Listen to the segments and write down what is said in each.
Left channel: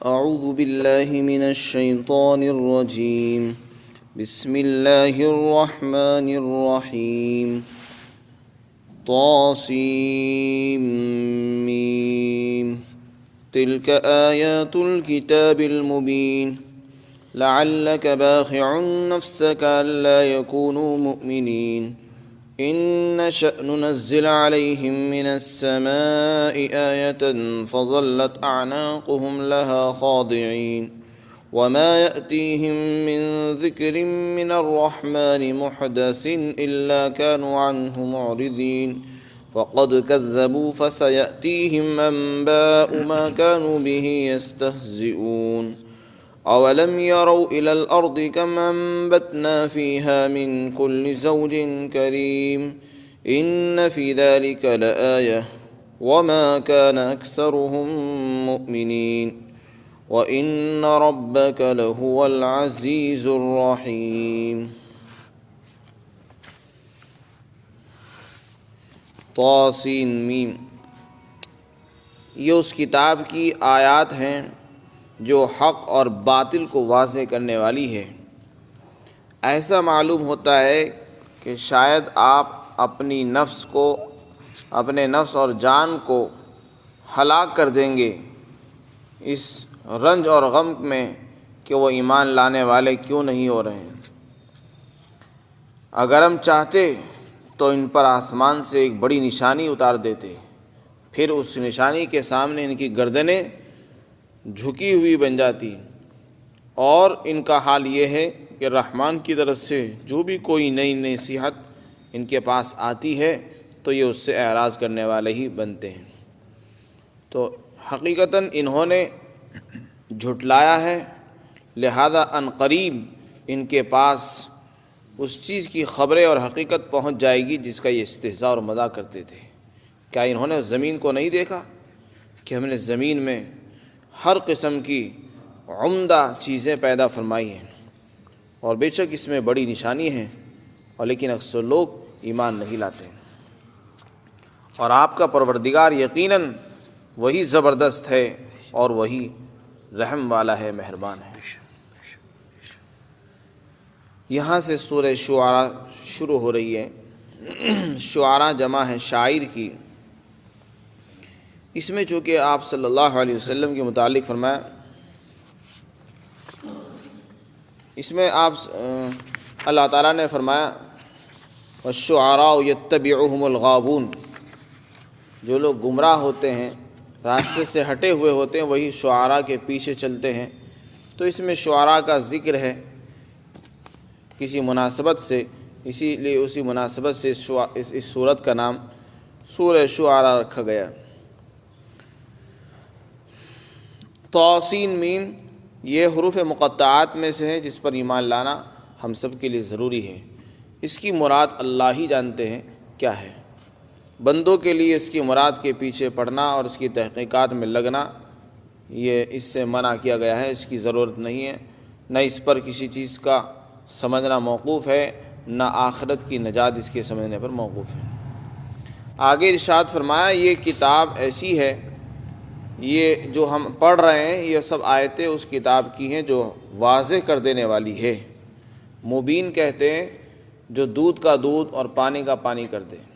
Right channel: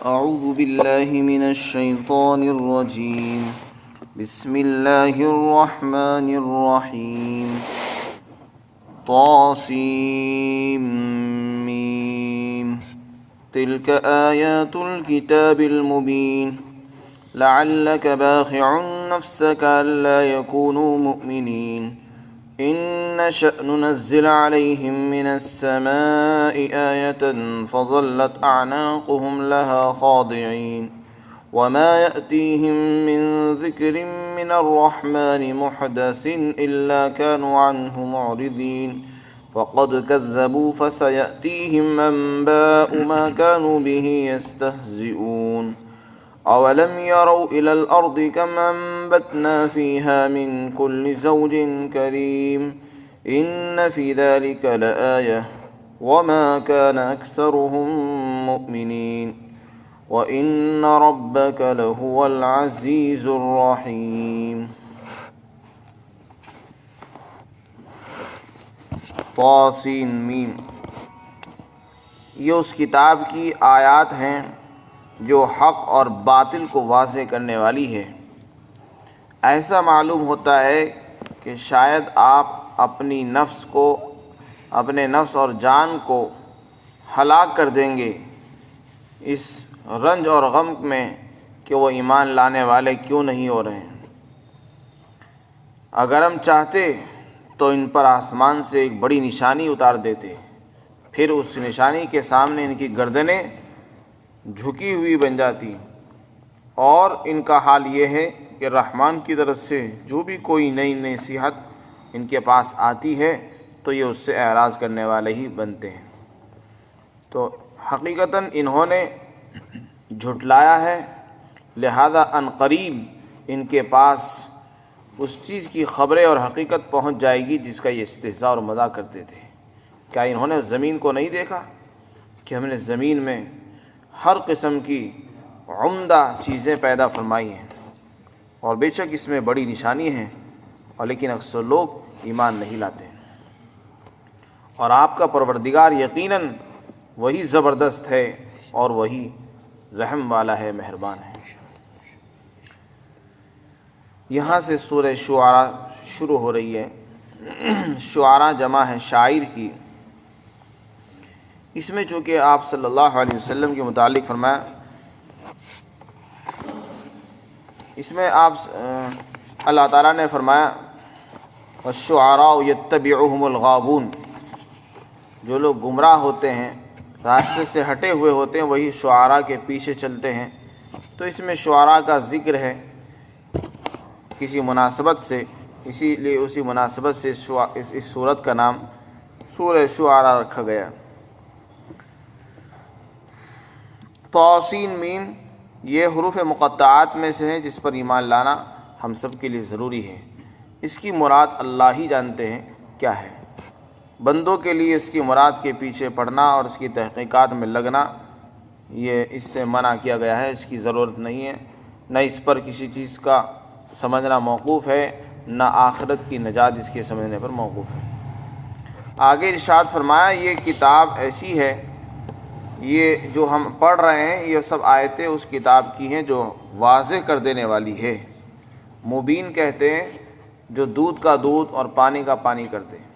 أعوذ بالله من الشيطان الرجيم. بسم الله الرحمن الرحيم. طاسيم ميم. تلك آيات الكتاب المبين. لعلك باخع نفسك ألا يكونوا مؤمنين. إن نشأ ننزل عليهم من السماء آية فظلت أعناقهم لها خاضعين. وما يأتيهم من ذكر من الرحمن محدث إلا كانوا عنه معرضين. فقد كذبوا فسيأتيهم أنباء ما كانوا به يستهزئون. أولم يروا إلى الأرض كم أنبتنا فيها من كل زوج كريم. إن في ذلك لآية وما كان أكثرهم مؤمنين. وإن ربك لهو العزيز الرحيم. طاسین میم. یہ اس کتاب کی آیات ہیں جو حق اور باطل کو واضح کرنے والی ہے. ایسا معلوم ہوتا ہے کہ شاید آپ اپنے نفس اور جان کو ہلاک کر دیں گے اس رنج اور غم میں کہ وہ ایمان لانے والے کیوں نہیں ہو رہے ہیں. اگر ہم چاہتے تو ان پر آسمان سے ایک بڑی نشانی اتار دیتے، پھر اس نشانی کے سامنے ان کی گردنیں جھکی ہوئی بن جاتی، اور ان کا حال یہ ہے کہ رحمان کی طرف سے جو بھی کوئی نئی نصیحت ان کے پاس آتی ہے تو یہ اس سے اعراض کرنے والے ہی بنتے ہیں. تو حقیقتاً انہوں نے جھٹلایا ہے، لہذا ان قریب ان کے پاس اس چیز کی خبریں اور حقیقت پہنچ جائے گی جس کا یہ استہزاء اور مذاق کرتے تھے. کیا انہوں نے زمین کو نہیں دیکھا کہ ہم نے زمین میں ہر قسم کی عمدہ چیزیں پیدا فرمائی ہیں، اور بے شک اس میں بڑی نشانی ہے، اور لیکن اکثر لوگ ایمان نہیں لاتے. اور آپ کا پروردگار یقیناً وہی زبردست ہے اور وہی رحم والا ہے، مہربان ہے. یہاں سے سورہ شعراء شروع ہو رہی ہے. شعراء جمع ہے شاعر کی. اس میں چونکہ آپ صلی اللہ علیہ وسلم کے متعلق فرمایا، اس میں آپ اللہ تعالیٰ نے فرمایا وَالشُّعَرَاءُ يَتَّبِعُهُمُ الْغَاوُونَ. جو لوگ گمراہ ہوتے ہیں، راستے سے ہٹے ہوئے ہوتے ہیں، وہی شعراء کے پیچھے چلتے ہیں. تو اس میں شعراء کا ذکر ہے کسی مناسبت سے، اسی لیے اسی مناسبت سے اس سورت کا نام سورہ شعراء رکھا گیا. طاسین میم یہ حروف مقطعات میں سے ہے جس پر ایمان لانا ہم سب کے لیے ضروری ہے. اس کی مراد اللہ ہی جانتے ہیں کیا ہے. بندوں کے لیے اس کی مراد کے پیچھے پڑھنا اور اس کی تحقیقات میں لگنا یہ اس سے منع کیا گیا ہے. اس کی ضرورت نہیں ہے، نہ اس پر کسی چیز کا سمجھنا موقوف ہے، نہ آخرت کی نجات اس کے سمجھنے پر موقوف ہے. آگے ارشاد فرمایا یہ کتاب ایسی ہے، یہ جو ہم پڑھ رہے ہیں یہ سب آیتیں اس کتاب کی ہیں جو واضح کر دینے والی ہے. مبین کہتے ہیں جو دودھ کا دودھ اور پانی کا پانی کرتے ہیں.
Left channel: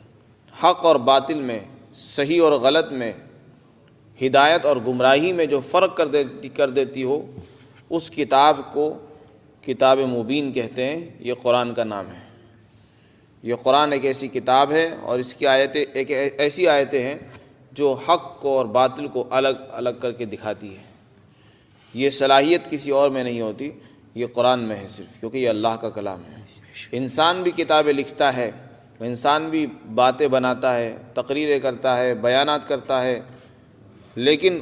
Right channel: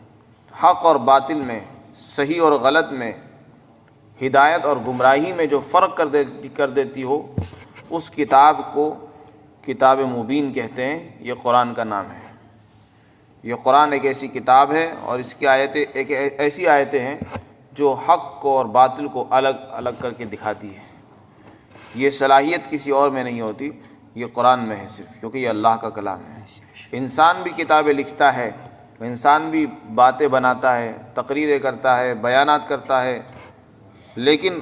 حق اور باطل میں، صحیح اور غلط میں، ہدایت اور گمراہی میں جو فرق کر دیتی ہو اس کتاب کو کتاب مبین کہتے ہیں. یہ قرآن کا نام ہے. یہ قرآن ایک ایسی کتاب ہے اور اس کی آیتیں ایک ایسی آیتیں ہیں جو حق کو اور باطل کو الگ الگ کر کے دکھاتی ہے. یہ صلاحیت کسی اور میں نہیں ہوتی، یہ قرآن میں ہے صرف، کیونکہ یہ اللہ کا کلام ہے. انسان بھی کتابیں لکھتا ہے، انسان بھی باتیں بناتا ہے، تقریریں کرتا ہے، بیانات کرتا ہے، لیکن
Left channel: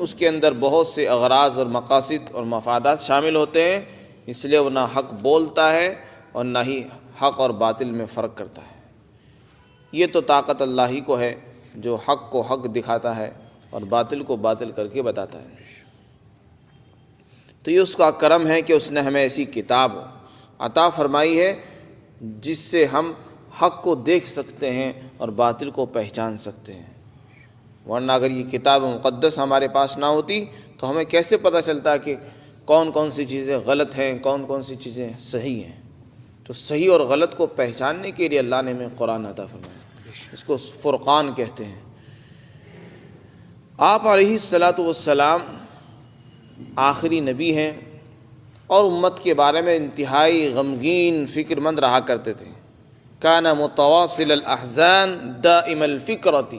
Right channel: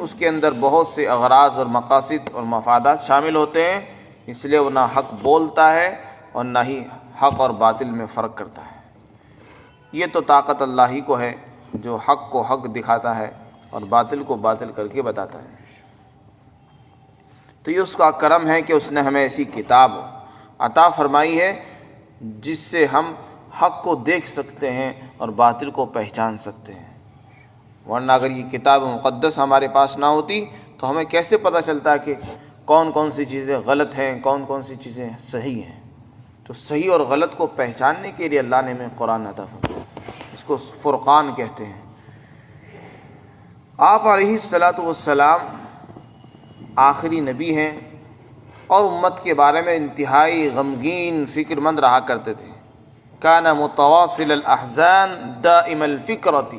اس کے اندر بہت سے اغراض اور مقاصد اور مفادات شامل ہوتے ہیں. اس لیے وہ نہ حق بولتا ہے اور نہ ہی حق اور باطل میں فرق کرتا ہے. یہ تو طاقت اللہ ہی کو ہے جو حق کو حق دکھاتا ہے اور باطل کو باطل کر کے بتاتا ہے. تو یہ اس کا کرم ہے کہ اس نے ہمیں ایسی کتاب عطا فرمائی ہے جس سے ہم حق کو دیکھ سکتے ہیں اور باطل کو پہچان سکتے ہیں. ورنہ اگر یہ کتاب مقدس ہمارے پاس نہ ہوتی تو ہمیں کیسے پتہ چلتا ہے کہ کون کون سی چیزیں غلط ہیں، کون کون سی چیزیں صحیح ہیں؟ تو صحیح اور غلط کو پہچاننے کے لیے اللہ نے ہمیں قرآن عطا فرمایا، اس کو فرقان کہتے ہیں۔ آپ علیہ الصلاۃ والسلام آخری نبی ہیں اور امت کے بارے میں انتہائی غمگین فکر مند رہا کرتے تھے۔ کان متواصل الاحزان دائم الفکرۃ،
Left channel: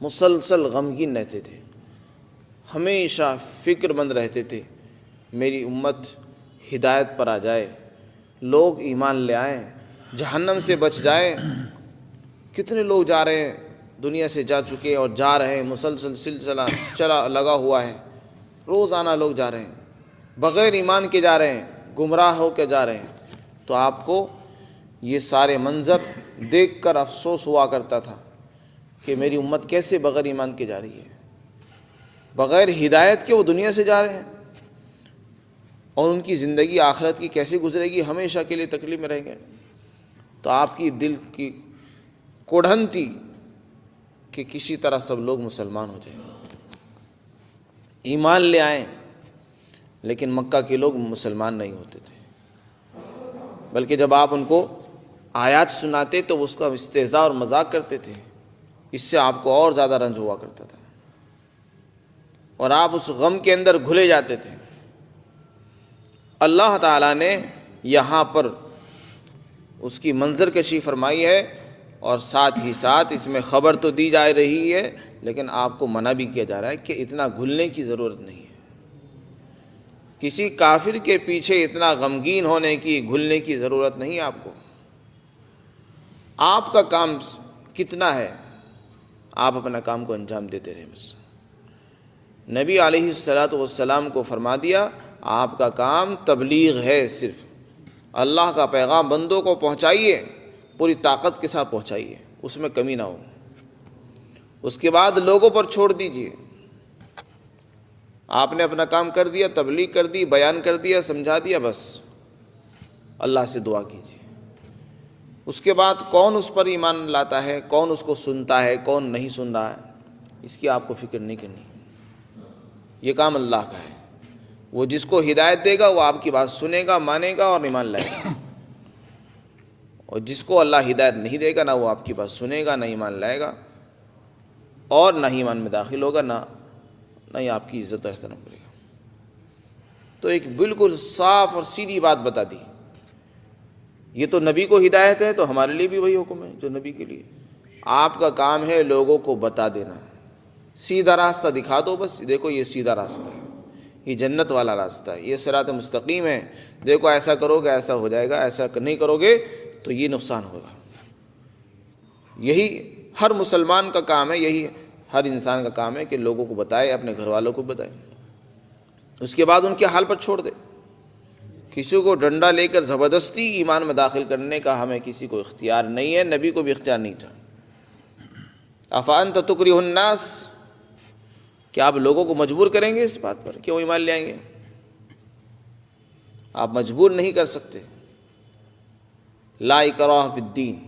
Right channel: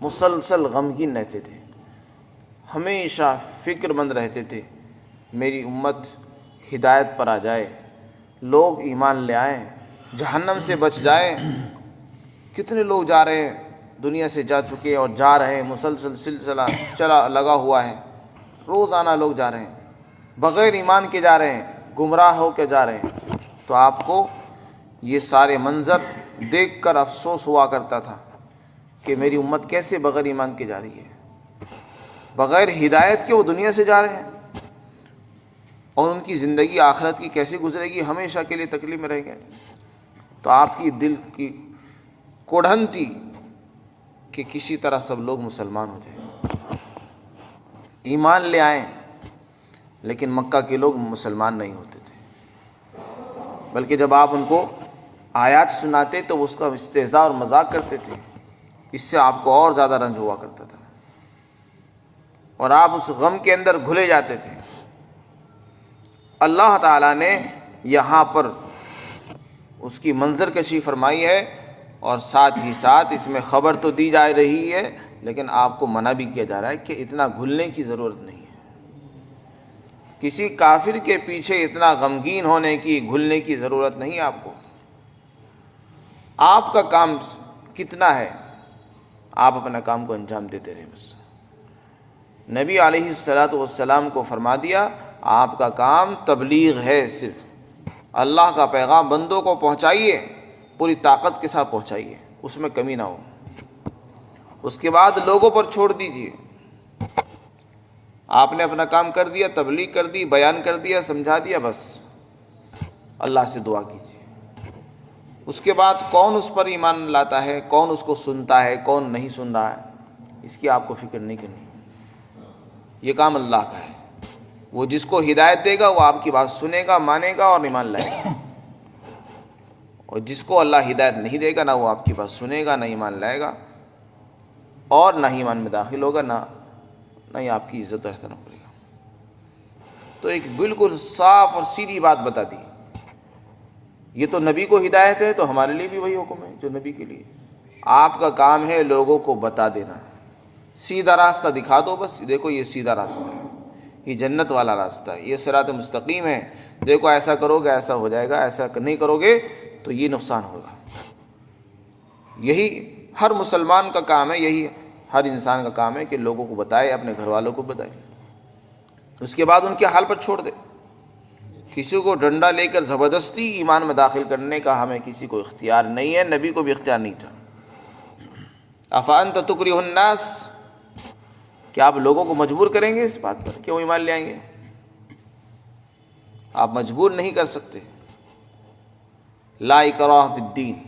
مسلسل غمگین رہتے تھے، ہمیشہ فکر مند رہتے تھے میری امت ہدایت پر آ جائے، لوگ ایمان لے آئیں، جہنم سے بچ جائیں۔ کتنے لوگ جا رہے ہیں، دنیا سے جا چکے اور جا رہے ہیں، مسلسل سلسلہ چلا لگا ہوا ہے، روزانہ لوگ جا رہے ہیں، بغیر ایمان کے جا رہے ہیں، گمراہ ہو کے جا رہے ہیں۔ تو آپ کو یہ سارے منظر دیکھ کر افسوس ہوا کرتا تھا کہ میری امت کیسے بغیر ایمان کے جا رہی ہے، بغیر ہدایت کے وہ دنیا سے جا رہے ہیں، اور ان کی زندگی آخرت کی کیسے گزرے گی، ہمیشہ کے لیے تکلیف میں رہ گئے۔ تو آپ کی دل کی کوڑھن تھی کہ کسی طرح سب لوگ مسلمان ہو جائیں، ایمان لے آئیں، لیکن مکہ کے لوگ مسلمان نہیں ہوتے تھے، بلکہ جب آپ ان کو آیات سناتے تو اس کا استہزاء اور مذاق کرتے تھے، اس سے آپ کو اور زیادہ رنج ہوا کرتا تھا، اور آپ اس غم کے اندر گھلے جاتے تھے۔ اللہ تعالیٰ نے یہاں پر اس کی منظر کشی فرمائی ہے، اور ساتھ ہی ساتھ اس میں خبر تو دی جا رہی ہے، لیکن آپ کو منع بھی کیا جا رہا ہے کہ اتنا گھلنے کی ضرورت نہیں ہے، کسی کافر کے پیچھے اتنا غمگین ہونے کی، گھلنے کی ضرورت نہیں ہے آپ کو۔ آپ کا کام کتنا ہے، آپ اپنا کام کو انجام دیتے رہے بس۔ نبی علیہ الصلاۃ والسلام کو فرما دیا آپ کا کام تبلیغ ہے، صرف اللہ کا پیغام بندوں کو پہنچائیے، پوری طاقت کے ساتھ پہنچائیے، اس میں کمی نہ ہو، اس کے بعد لوگوں پر چھوڑ دیجیے۔ آپ نے اپنا کام کر دیا، تبلیغ کر دی، بیان کر دیا، سمجھا دیا، بس اللہ سے دعا کیجیے۔ اس کے بعد کون اس پر ایمان لاتا ہے، کون اس کو سنتا ہے، کون نہیں سن رہا ہے، اس کی آپ کو فکر نہیں کرنی، یہ کام اللہ کا ہے۔ وہ جس کو ہدایت دے گا وہ آپ کی بات سنے گا، مانے گا اور ایمان لائے گا، اور جس کو اللہ ہدایت نہیں دے گا نہ وہ آپ کی بات سنے گا، نہ ایمان لائے گا، اور نہ ہی ایمان میں داخل ہوگا، نہ ہی آپ کی عزت و احترام کرے گا۔ تو ایک بالکل صاف اور سیدھی بات بتا دی، یہ تو نبی کو ہدایت ہے، تو ہمارے لیے بھی وہی حکم ہے جو نبی کے لیے۔ آپ کا کام ہے لوگوں کو بتا دینا، سیدھا راستہ دکھا دو، بس دیکھو یہ سیدھا راستہ ہے، یہ جنت والا راستہ ہے، یہ صراط مستقیم ہے، دیکھو ایسا کرو گے ایسا ہو جائے گا، ایسا نہیں کرو گے تو یہ نقصان ہوگا۔ یہی ہر مسلمان کا کام ہے، یہی ہر انسان کا کام ہے کہ لوگوں کو بتائے، اپنے گھر والوں کو بتائے، اس کے بعد ان کے حال پر چھوڑ دے۔ کسی کو ڈنڈا لے کر زبردستی ایمان میں داخل کرنے کا ہمیں کسی کو اختیار نہیں ہے، نبی کو بھی اختیار نہیں تھا۔ افانت تکرہ الناس، کیا آپ لوگوں کو مجبور کریں گے اس بات پر کہ وہ ایمان لے آئیں گے؟ آپ مجبور نہیں کر سکتے۔ لا اکراہ فی الدین،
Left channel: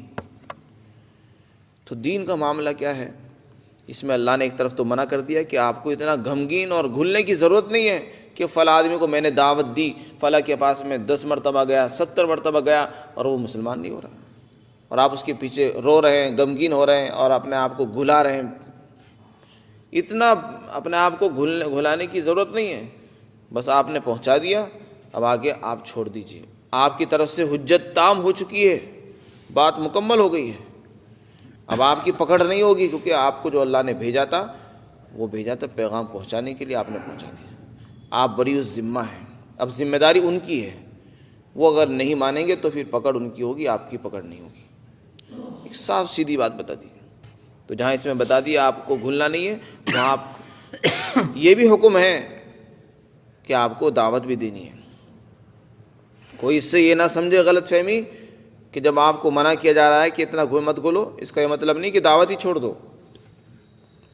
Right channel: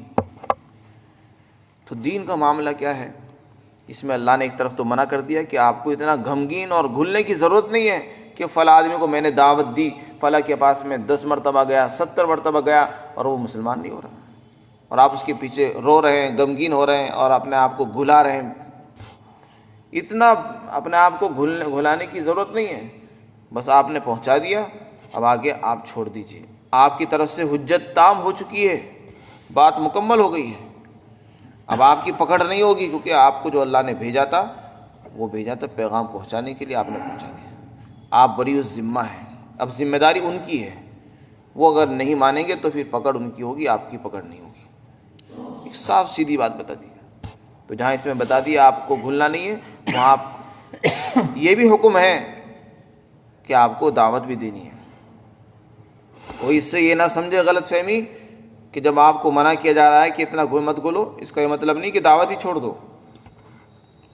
تو دین کا معاملہ کیا ہے، اس میں اللہ نے ایک طرف تو منع کر دیا کہ آپ کو اتنا غمگین اور گھلنے کی ضرورت نہیں ہے کہ فلاں آدمی کو میں نے دعوت دی، فلاں کے پاس میں 10 مرتبہ گیا، 70 مرتبہ گیا اور وہ مسلمان نہیں ہو رہا، اور آپ اس کے پیچھے رو رہے ہیں، غمگین ہو رہے ہیں اور اپنے آپ کو گھلا رہے ہیں۔ اتنا اپنے آپ کو گھلانے کی ضرورت نہیں ہے، بس آپ نے پہنچا دیا، اب آگے آپ چھوڑ دیجئے۔ آپ کی طرف سے حجت تام ہو چکی ہے، بات مکمل ہو گئی ہے، اب آپ کی پکڑ نہیں ہوگی، کیونکہ آپ کو جو اللہ نے بھیجا تھا وہ بھیجا تھا پیغام پہنچانے کے لیے، آپ نے پہنچا دیا، آپ بری الذمہ ہیں، اب ذمہ داری ان کی ہے، وہ اگر نہیں مانیں گے تو پھر پکڑ ان کی ہوگی، آپ کی پکڑ نہیں ہوگی۔ ایک صاف سیدھی بات بتا دی۔ تو جہاں اس میں بتا دیا آپ کو گھلنا نہیں ہے، وہاں آپ یہ بھی حکم ہے کہ آپ کو دعوت بھی دینی ہے۔ کوئی اس سے یہ نہ سمجھے غلط فہمی کہ جب آپ کو منع کیا جا رہا ہے کہ اتنا مت گھلو، اس کا یہ مطلب نہیں کہ دعوت ہی چھوڑ دو،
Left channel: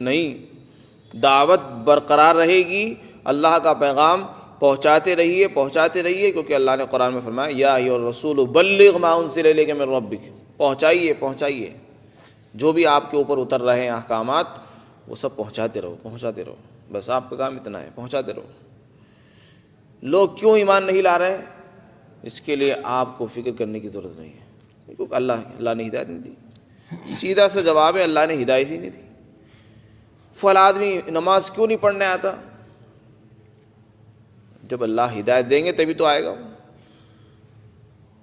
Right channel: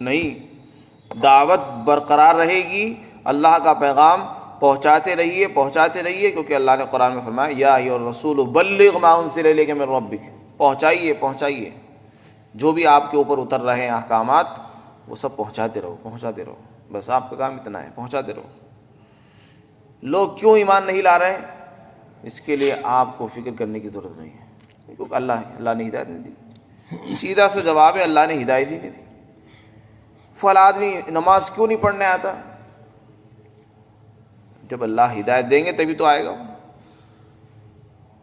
نہیں، دعوت برقرار رہے گی، اللہ کا پیغام پہنچاتے رہیے، کیونکہ اللہ نے قرآن میں فرمایا یا ایھا الرسول بلغ ما انزل الیک من ربک، پہنچائیے جو بھی آپ کے اوپر اتر رہے ہیں احکامات، وہ سب پہنچاتے رہو۔ بس آپ کا کام اتنا ہے، پہنچاتے رہو۔ لوگ کیوں ایمان نہیں لا رہے ہیں، اس کے لیے آپ کو فکر کرنے کی ضرورت نہیں ہے، کیونکہ اللہ نے ہدایت نہیں دی۔ سیدھا سا جواب ہے، اللہ نے ہدایت ہی نہیں دی۔ فلاں آدمی نماز کیوں نہیں پڑھنے آتا؟ جب اللہ ہدایت دیں گے تبھی تو آئے گا۔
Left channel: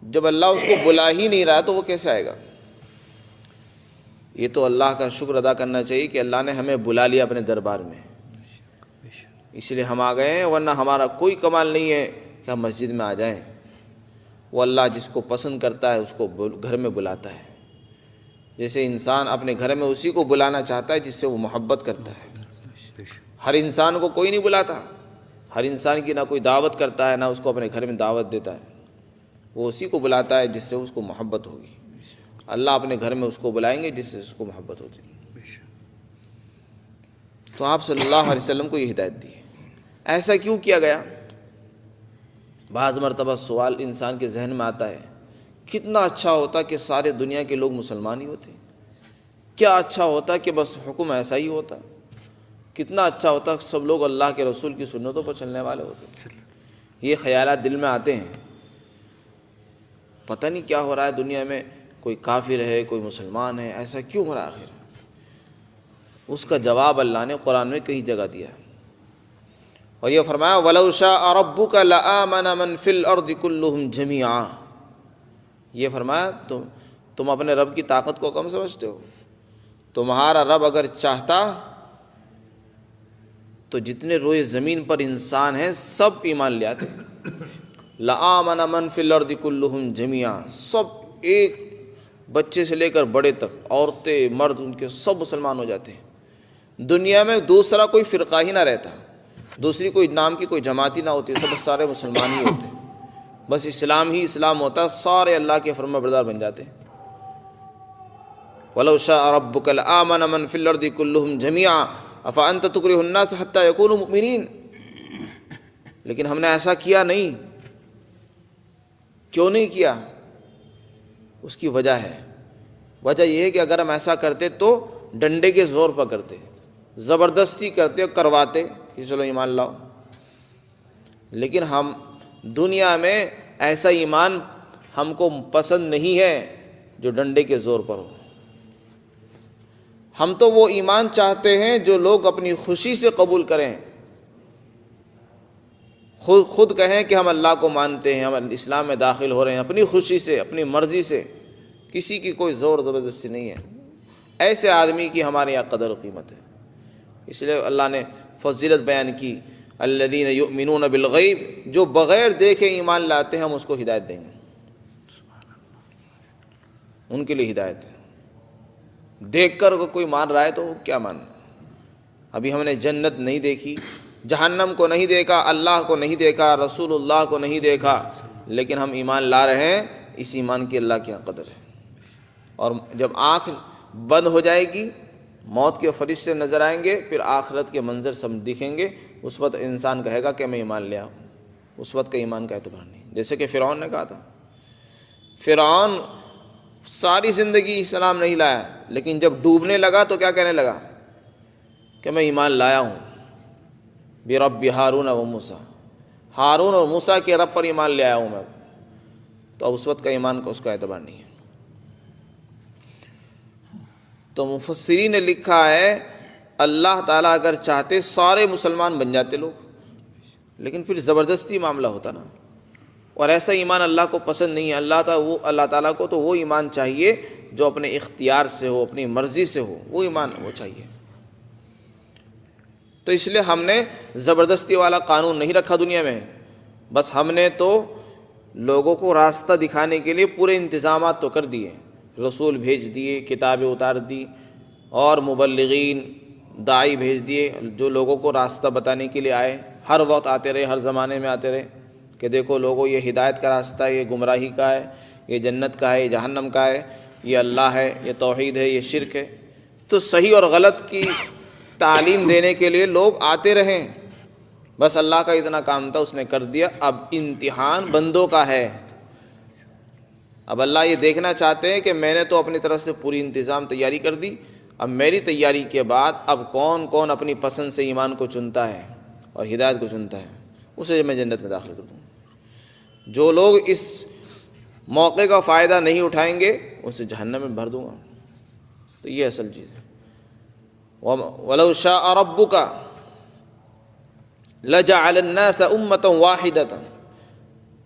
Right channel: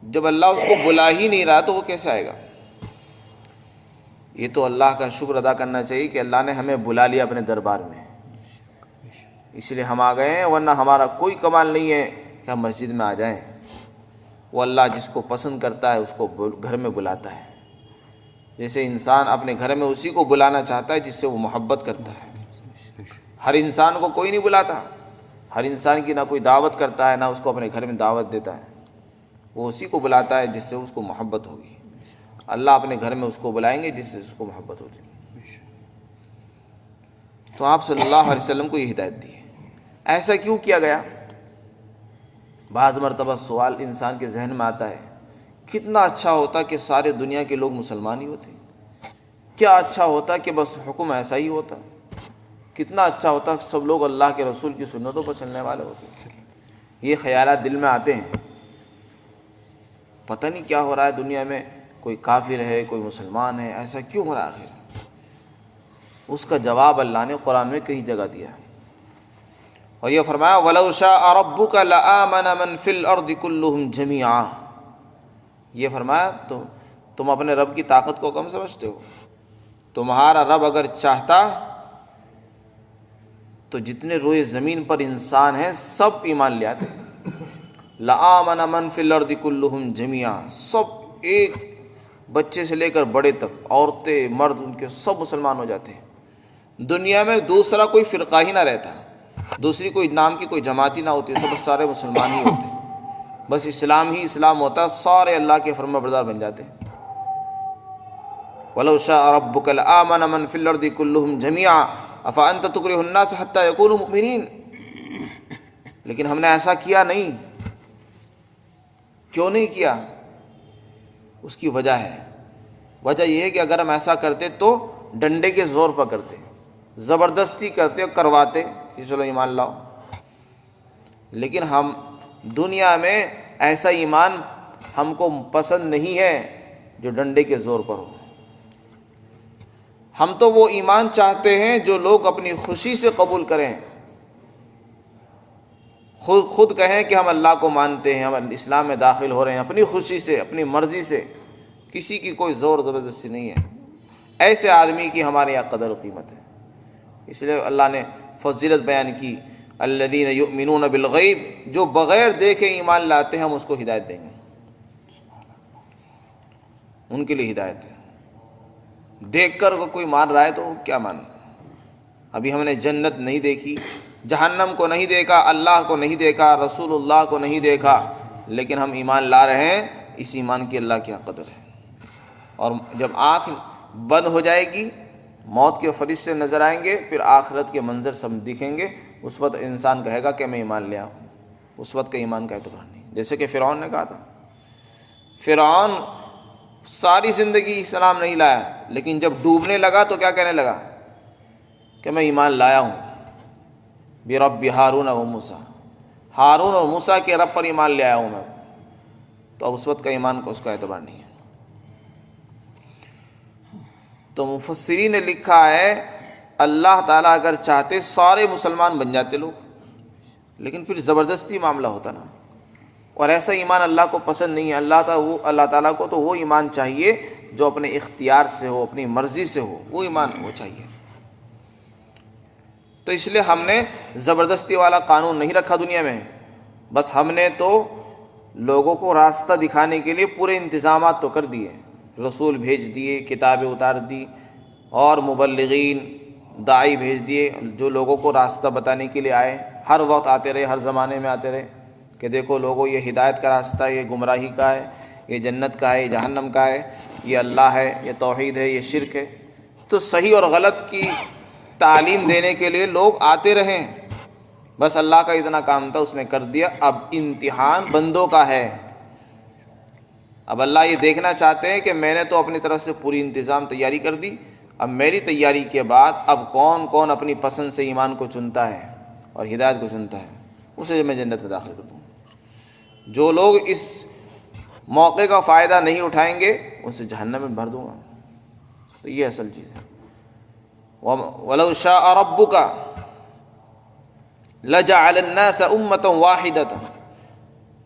جب اللہ اس کو بلا ہی نہیں رہا تو وہ کیسے آئے گا؟ یہ تو اللہ کا شکر ادا کرنا چاہیے کہ اللہ نے ہمیں بلا لیا اپنے دربار میں، اس لیے ہم آ گئے ہیں، ورنہ ہمارا کوئی کمال نہیں ہے کہ ہم مسجد میں آ جائیں۔ وہ اللہ جس کو پسند کرتا ہے اس کو گھر میں بلاتا ہے، جیسے انسان اپنے گھر میں اسی کو بلانا چاہتا ہے جس سے وہ محبت کرتا ہے۔ ہر انسان کو کوئی نہیں بلاتا، ہر انسان کی نہ کوئی دعوت کرتا ہے، نہ اس کو اپنے گھر میں دعوت دیتا ہے، وہ اسی کو بلاتا ہے جس سے اس کو محبت ہوگی۔ اللہ اپنے گھر میں اس کو بلائیں گے جس سے اس کو محبت ہوتی ہے۔ تو آپ صلی اللہ علیہ وسلم کو یہ ہدایت دی ہے۔ ایسا کیوں کیا گیا؟ بعض مرتبہ سوال انسان کے ذہن میں آتا ہے، کتنا اچھا ہوتا کہ سارے دنیا کے لوگ مسلمان ہی ہوتے، کیا اچھا ہوتا کہ بس حکم ایسا ہی ہوتا، کتنا اچھا ہوتا کہ سب لوگ اللہ کے رسول کی سنتوں پر چلنے والے ہوتے۔ یہ خیالات دل میں آتے ہیں، پتہ نہیں کیا ہو رہا ہے دنیا میں، کوئی کافر ہے کوئی مسلمان ہے، ایسا کیوں ہو رہا ہے؟ اس کا جواب اللہ نے قرآن میں کئی جگہ دیا ہے، اور یہ فرمایا وَلَوْ شَاءَ رَبُّكَ لَآمَنَ مَنْ فِي الْأَرْضِ كُلُّهُمْ جَمِيعًا۔ یہ فرمایا تم اپنے رب کی طاقت کو کم سمجھتے ہو؟ تمہارا رب اگر چاہتا تو جتنے روئے زمین پر انسان ہیں سب ایمان لے آتے۔ لَآمَنَ مَنْ فِي الْأَرْضِ كُلُّهُمْ جَمِيعًا، سب ایک بچے سے لے کر بڑے تک، عورتیں مرد ان کے سب مسلمان ہو جاتے ہیں۔ دنیا میں دوسرا کوئی فرقہ ہی نہ رہتا، دوسری کوئی نام کی کوئی جماعت ہی نہ ہوتی، سب سارے مسلمان ہی ہوتے، بس اسلام ہی اسلام ہوتا، سارے اللہ کے فرما بردار بن جاتے۔ وَلَوْ شَاءَ رَبُّكَ لَآمَنَ مَنْ فِي الْأَرْضِ كُلُّهُمْ جَمِيعًا أَفَأَنْتَ تُكْرِهُ النَّاسَ حَتَّى يَكُونُوا مُؤْمِنِينَ۔ لیکن ہم نے ایسا کیا نہیں۔ کیوں نہیں کیا؟ اس کی وجہ ہے، وجہ یہ ہے کہ اگر ہم ایسا کرتے تو ڈنڈے کے زور پر کرتے، زبردستی کرتے اور کرواتے کہ چلو ایمان لاؤ، لیکن ہم دنیا میں ایسا ایمان ہم کو پسند نہیں ہے جو ڈنڈے کے زور پر ہو۔ ہم تو وہ ایمان چاہتے ہیں جو لوگ اپنی خوشی سے قبول کریں، خود کہیں کہ ہم اللہ کو مانتے ہیں، ہم اسلام میں داخل ہو رہے ہیں اپنی خوشی سے، اپنی مرضی سے، کسی کی کوئی زور زبردستی نہیں ہے۔ ایسے آدمی کی ہمارے یہاں قدر و قیمت ہے، اس لیے اللہ نے فضیلت بیان کی، الذین یؤمنون بالغیب، جو بغیر دیکھے ایمان لاتے ہیں ہم اس کو ہدایت دیں گے، ان کے لیے ہدایت ہے۔ دیکھ کر کوئی مان رہا ہے تو کیا مان؟ ابھی ہم نے جنت نہیں دیکھی، جہنم کو نہیں دیکھا، اللہ کو نہیں دیکھا، رسول اللہ کو نہیں دیکھا، لیکن ہم ایمان لا رہے ہیں، اس ایمان کی اللہ کیا قدر ہے۔ اور جب آنکھ بند ہو جائے گی، موت کے فرشتے نظر آئیں گے، پھر آخرت کے منظر سب دکھیں گے، اس وقت انسان کہے گا کہ میں ایمان لیا ہوں، اس وقت کا ایمان کا اعتبار نہیں۔ جیسے کہ فرعون نے کہا تھا، فرعون ساری زندگی اسلام نہیں لایا، لیکن جب ڈوبنے لگا تو کیا کہنے لگا کہ میں ایمان لایا ہوں برب ہارون و موسیٰ، ہارون اور موسیٰ کے رب پر ایمان لے آیا ہوں میں، تو اب اس وقت کا ایمان کو اس کا اعتبار نہیں ہے۔ تو مفسرین نے لکھا ہے اللہ تعالیٰ اگر چاہتے سارے مسلمان بن جاتے لوگ، لیکن پھر زبردستی معاملہ ہوتا نا، اور ایسا ایمان اللہ کو پسند نہیں ہے۔ اللہ تعالیٰ کو تو وہ ایمان چاہیے جو اپنے اختیار سے ہو، اپنی مرضی سے ہو، وہ ایمان وہ چاہیے۔ تو اس لیے ہم نے زبردستی والا قانون نہیں رکھا دنیا میں، بس ہم نے تو لوگوں کو راستہ دکھانے کے لیے پورے انتظامات تو کر دیے، رسول بھیج دیے، کتابیں اتار دی، اور مبلغین داعی بھیج دیے جو لوگوں کو راستہ بتانے کے لیے آئے، ہر وقت آتے رہے، ہر زمانے میں آتے رہے کہ دیکھو لوگوں یہ ہدایت کا راستہ ہے، یہ گمراہی کا ہے، یہ جنت کا ہے، یہ جہنم کا ہے، یہ اللہ ہے، یہ توحید ہے، یہ شرک ہے۔ تو صحیح اور غلط کی تعلیم دینے کے لیے لوگ آتے رہے، بس اللہ کا اتنا کام تھا، اس نے کر دیا۔ اب امتحان بندوں کا ہے، اب اللہ یہ دیکھنا چاہتے ہیں کہ میں نے تو اپنی طرف سے پوری انتظام تیاری کر دی، اب میری تیاری کے بعد اب کون کون اپنی پسند سے ایمان کو چنتا ہے اور ہدایت کو چنتا ہے، اسے میں جنت میں داخل کر دوں. جو لوگ اس موقع کا فائدہ نہیں اٹھائیں گے اسے جہنم میں بھر دوں گا. تو یہ اصل چیز ہے. وَلَوْ شَاءَ رَبُّكَ لَجَعَلَ النَّاسَ أُمَّةً وَاحِدَةً.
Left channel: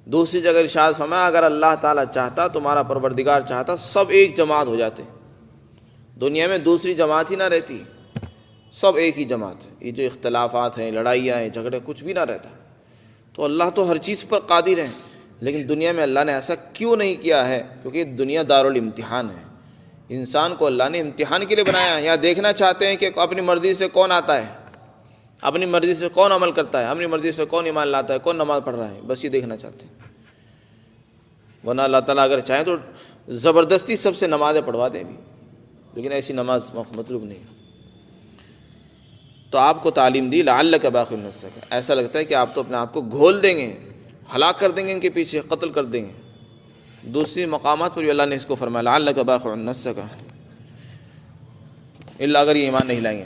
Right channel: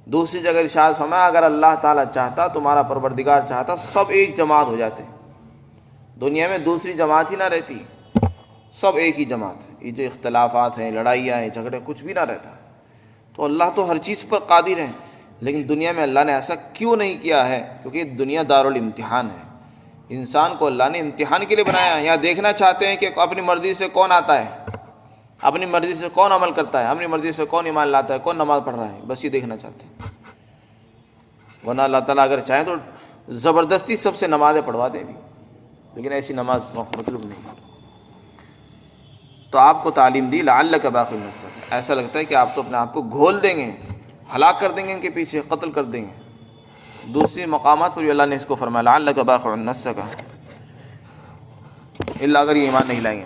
دوسری جگہ ارشاد فرمایا اگر اللہ تعالیٰ چاہتا، تمہارا پروردگار چاہتا، سب ایک جماعت ہو جاتے. دنیا میں دوسری جماعت ہی نہ رہتی، سب ایک ہی جماعت. یہ جو اختلافات ہیں، لڑائیاں ہیں، جھگڑے، کچھ بھی نہ رہتا. تو اللہ تو ہر چیز پر قادر ہے، لیکن دنیا میں اللہ نے ایسا کیوں نہیں کیا ہے؟ کیونکہ دنیا دارالامتحان ہے. انسان کو اللہ نے امتحان کے لیے بنایا ہے. یہاں دیکھنا چاہتے ہیں کہ اپنی مرضی سے کون آتا ہے، اپنی مرضی سے کون عمل کرتا ہے، اپنی مرضی سے کون ایمان لاتا ہے، کون نماز پڑھ رہا ہے. بس یہ دیکھنا چاہتے ہیں. ورنہ اللہ تعالیٰ اگر چاہیں تو زبردستی سب سے نمازیں پڑھوا دیں بھی، لیکن ایسی نماز مطلوب نہیں. تو آپ کو تعلیم دی لعلک باخع نفسک. ایسا لگتا ہے کہ آپ تو اپنے آپ کو گھول دیں گے، ہلاک کر دیں گے، ان کے پیچھے قتل کر دیں گے. دوسری مقامات پر بھی اللہ نے اس کو فرمایا لعلک باخع نفسک الا اگر یہ ایمان نہیں لائیں گے.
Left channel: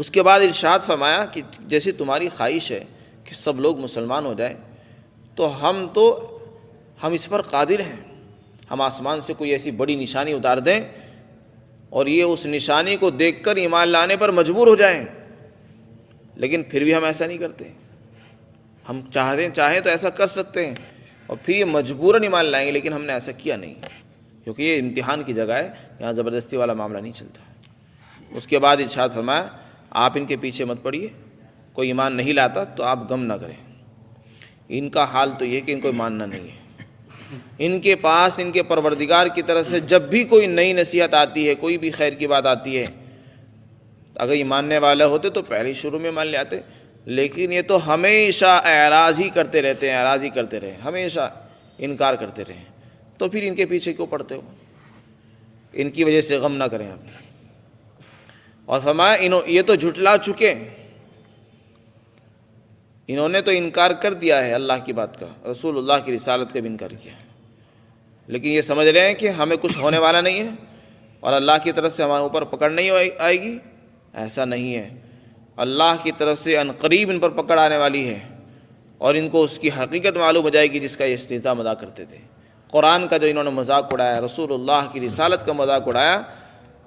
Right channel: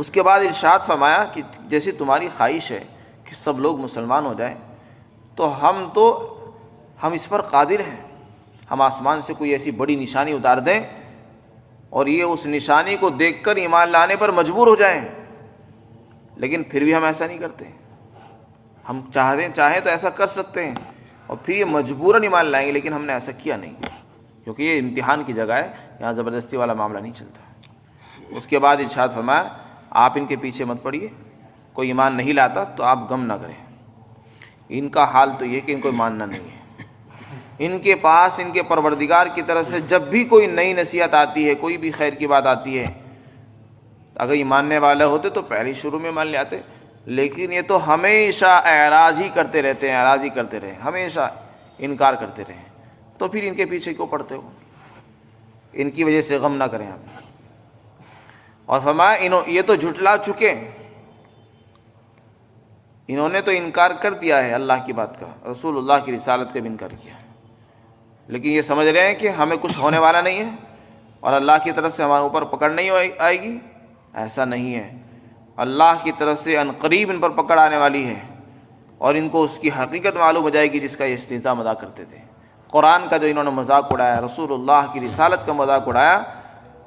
اس کے بعد ارشاد فرمایا کہ جیسے تمہاری خواہش ہے کہ سب لوگ مسلمان ہو جائیں، تو ہم اس پر قادر ہیں. ہم آسمان سے کوئی ایسی بڑی نشانی اتار دیں اور یہ اس نشانی کو دیکھ کر ایمان لانے پر مجبور ہو جائیں، لیکن پھر بھی ہم ایسا نہیں کرتے. ہم چاہیں تو ایسا کر سکتے ہیں اور پھر یہ مجبوراً ایمان لائیں گے، لیکن ہم نے ایسا کیا نہیں، کیونکہ یہ امتحان کی جگہ ہے، یہاں زبردستی والا معاملہ نہیں چلتا. اس کے بعد ارشاد فرمایا آپ ان کے پیچھے مت پڑیے. کوئی ایمان نہیں لاتا تو آپ غم نہ کریں. ان کا حال تو یہ کہ ان کو ماننا نہیں ہے. ان کے پاس ان کے پروردگار کی طرف سے جب بھی کوئی نئی نصیحت آتی ہے، کوئی بھی خیر کی بات آتی ہے، اگر یہ ماننے والے ہوتے تو پہلے شروع میں مان لے آتے. لیکن یہ تو ہمیشہ اعراض ہی کرتے رہتے ہیں، اعراض ہی کرتے رہے، ہمیشہ انکار کرتے رہے. تو پھر ان کے پیچھے کیوں پڑتے ہو؟ ان کی وجہ سے غم نہ کریں آپ. اور فرمایا یہ تو جھٹلا چکے، انہوں نے تو انکار کر دیا ہے اللہ کی بات کا، رسول اللہ کی رسالت کا بھی انکار کیا، لیکن یہ سمجھ رہے ہیں کہ ہمیں کچھ ہونے والا نہیں ہے اور اللہ کی طرف سے ہمارے اوپر پکڑ نہیں آئے گی. ایسا نہیں ہے. اللہ کی طرف سے ان قریب ان پر پکڑ آنے والی ہے اور ان کو اس کی حقیقت معلوم ہو جائے گی جس کا یہ استہزاء مذاق کرتے تھے. قرآن کا جو انہوں نے مذاق اڑایا، رسول اللہ کی رسالت کا مذاق اڑایا،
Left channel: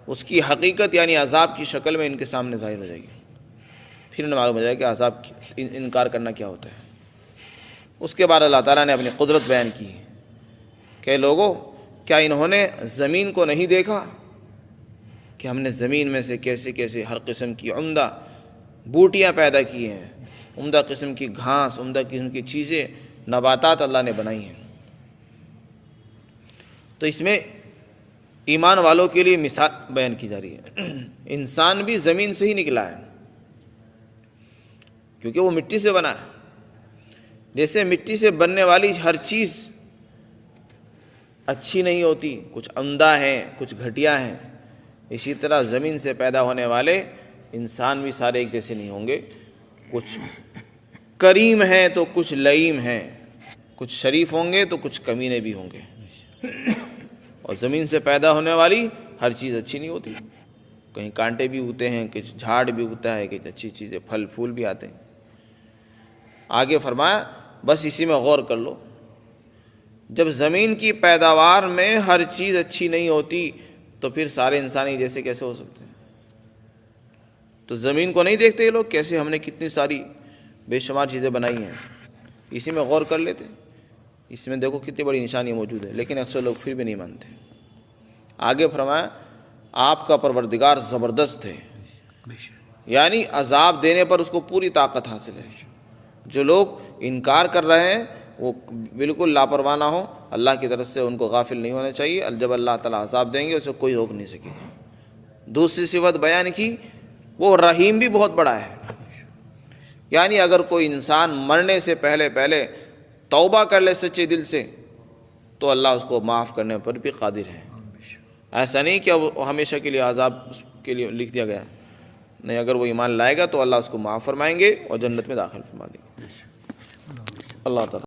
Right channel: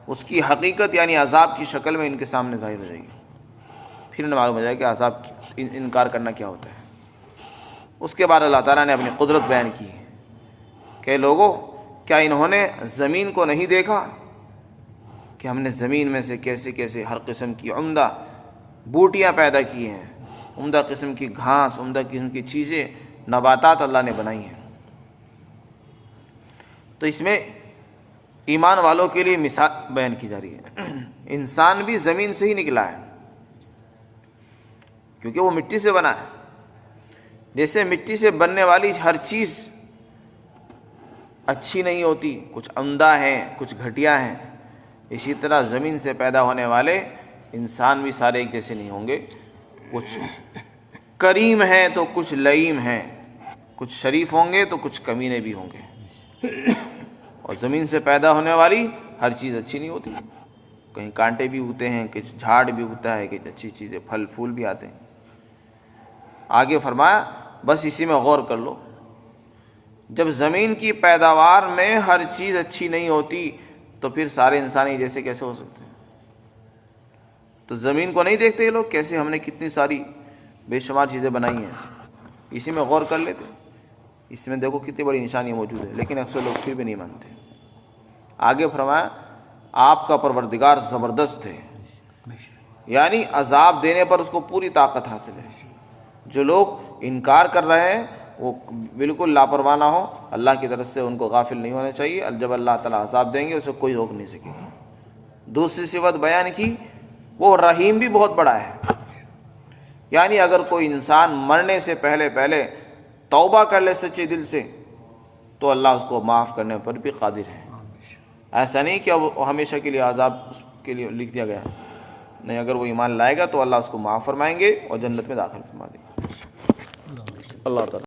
اس کی حقیقت یعنی عذاب کی شکل میں ان کے سامنے ظاہر ہو جائے گی. پھر انہیں معلوم ہو جائے کہ عذاب انکار کرنا کیا ہوتا ہے. اس کے بعد اللہ تعالیٰ نے اپنی قدرت بیان کی کہ لوگوں کیا انہوں نے زمین کو نہیں دیکھا کہ ہم نے زمین میں سے کیسے کیسے ہر قسم کی عمدہ بوٹیاں پیدا کی ہیں، عمدہ قسم کی گھاس، عمدہ قسم کی چیزیں، نباتات اللہ نے بنائی ہیں. تو اس میں ایمان والوں کے لیے مثال بیان کی جا رہی ہے. انسان بھی زمین سے ہی نکلا ہے کیونکہ وہ مٹی سے بنا ہے. جیسے مٹی سے بننے والی ہر چیز اچھی نہیں ہوتی، کچھ عمدہ ہیں، کچھ گھٹیا ہیں، اسی طرح زمین سے پیدا ہونے والے انسان بھی سارے ایک جیسے نہیں ہوں گے. کچھ کریم ہیں تو کچھ لئیم ہیں، کچھ شریف ہوں گے تو کچھ کمینے بھی ہوں گے. اور زمین سے پیدا ہونے والی ہر چیز اچھی نہیں ہوتی، کہیں کانٹے بھی اگتے ہیں، کچھ جھاڑ بھی اگتا ہے، کچھ اچھی چیزیں پھل پھول بھی آتے ہیں. آگے فرمایا بس اسی میں غور کر لو، جب زمین کی پیداوار میں ہر چیز اچھی نہیں ہوتی تو پھر سارے انسان جیسے کیسے ہو سکتے ہیں؟ تو زمین کو نہیں دیکھتے یہ لوگ کیسے ہم نے کتنی ساری بے شمار چیزیں بنائی ہیں؟ اسی میں غور کر لیتے، اس میں دیکھو کتنی بڑی نشانی موجود ہے، لیکن اکثر لوگ پھر بھی نہیں مانتے. آگے فرمایا آپ کا پروردگار زبردست ہے، یعنی عذاب دینے پر اس کو پوری طاقت حاصل ہے. جو لوگ انکار کر رہے ہیں وہ بالکل لاپرواہ نہ ہو، اللہ کی طرف سے ان کو غافل نہیں ہونا چاہیے. جب اللہ تعالیٰ عذاب دیں گے اسے کوئی روک نہیں سکے گا. دوسری صفت بیان کی وہ رحیم بھی بہت بڑا ہے، یعنی اگر کوئی انسان مرنے سے پہلے توبہ کر لے سچے دل سے تو اللہ اس کو معاف کرنے پر بھی قادر ہے. ایسا نہیں کہ وہ ہمیشہ کے لیے عذاب اس کے لیے لکھ دیا گیا، نہیں، اگر وہ ایمان لائے گا تو اللہ اس کو معاف فرمائیں گے اور جنت میں داخل فرما دیں گے. اللہ تعالیٰ